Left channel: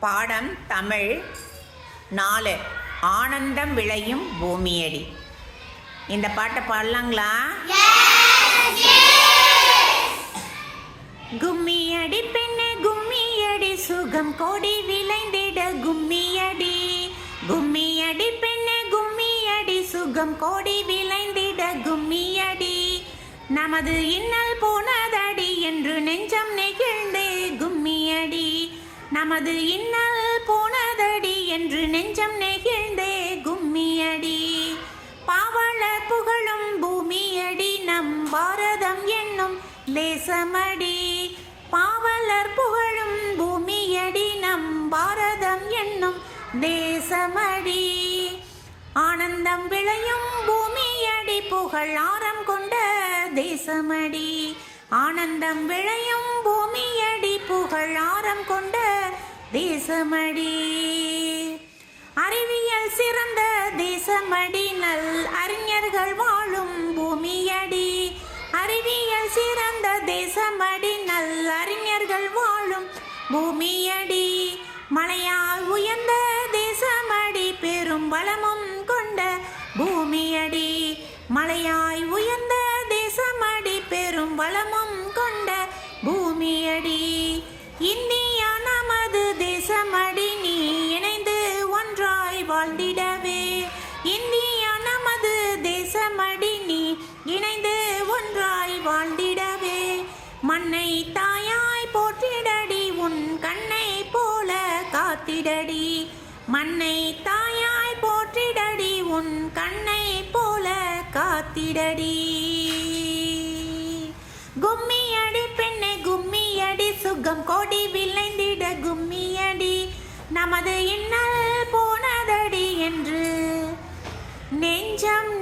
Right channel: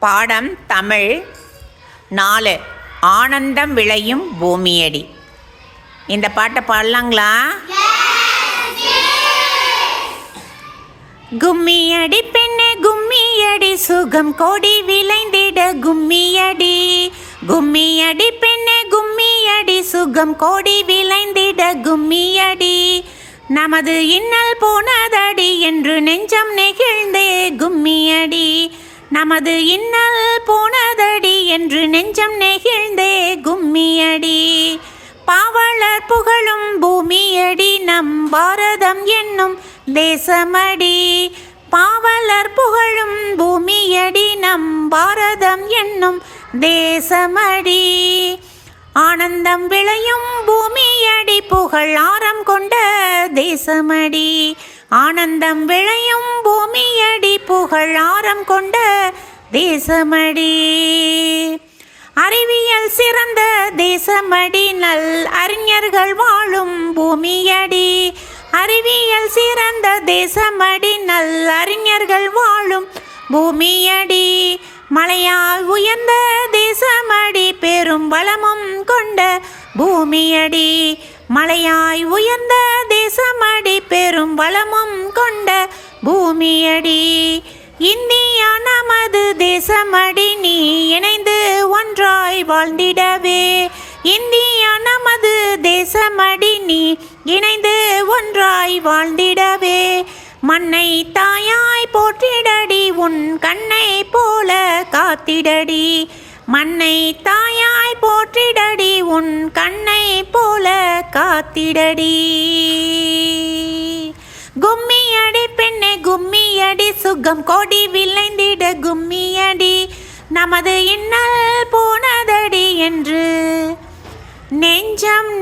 பாடம் தமிழ். நாலு ஆனந்தம் விளையும் பூமியடி. இந்த பாட்டை பாடலாங்களா? கும்மியடி பெண்ணே கும்மியடி சுகம் கோடி விளைந்திட கும்மியடி. கும்மியடி பெண்ணே கும்மியடி சுகம் கோடி விளைந்திட கும்மியடி. நமது இன்னல் போனதடி என்று நெஞ்சம் நெகிழ்ந்தே கும்மியடி. நமது இன்னல் போனதடி என்று நெஞ்சம் நெகிழ்ந்தே கும்மியடி. பாவலர் புகழும் பூமியடி நம் பாரதம் என்னும் தேசமடி. பாவலர் புகழும் பூமியடி நம் பாரதம் என்னும் தேசமடி. ஆனந்தம் விளையும் பூமியடி புகழ் ஆரம் கொண்ட தேசமடி. ஆனந்தம் விளையும் பூமியடி புகழ் ஆரம் கொண்ட தேசமடி. அறிவியல் சிறந்த தேசமடி நல் அறிஞர்கள் வாழும் பூமியடி. அறிவியல் சிறந்த தேசமடி நல் அறிஞர்கள் வாழும் பூமியடி. மலையால் உயர்ந்த தேசமடி பெரும் பலமும் கொண்ட பூமியடி. மலையாய் உயர்ந்த தேசமடி பெரும் வளமும் கொண்ட பூமியடி. இந்தியா நமது தேசமடி நீ இணைந்து ஒன்றாய் வாழ்ந்திடவே. இந்தியா நமது தேசமடி நீ இணைந்து ஒன்றாய் வாழ்ந்திடவே. மண்ணை தாயாய் போற்றிடடி உன் கண்ணை போல காத்திடடி. மண்ணை தாயாய் போற்றிடடி உன் கண்ணை போல காத்திடடி. யுகம் கோடி விளைந்திட கும்மியடி நமது இன்னல் போனதடி என்று. நெஞ்சம்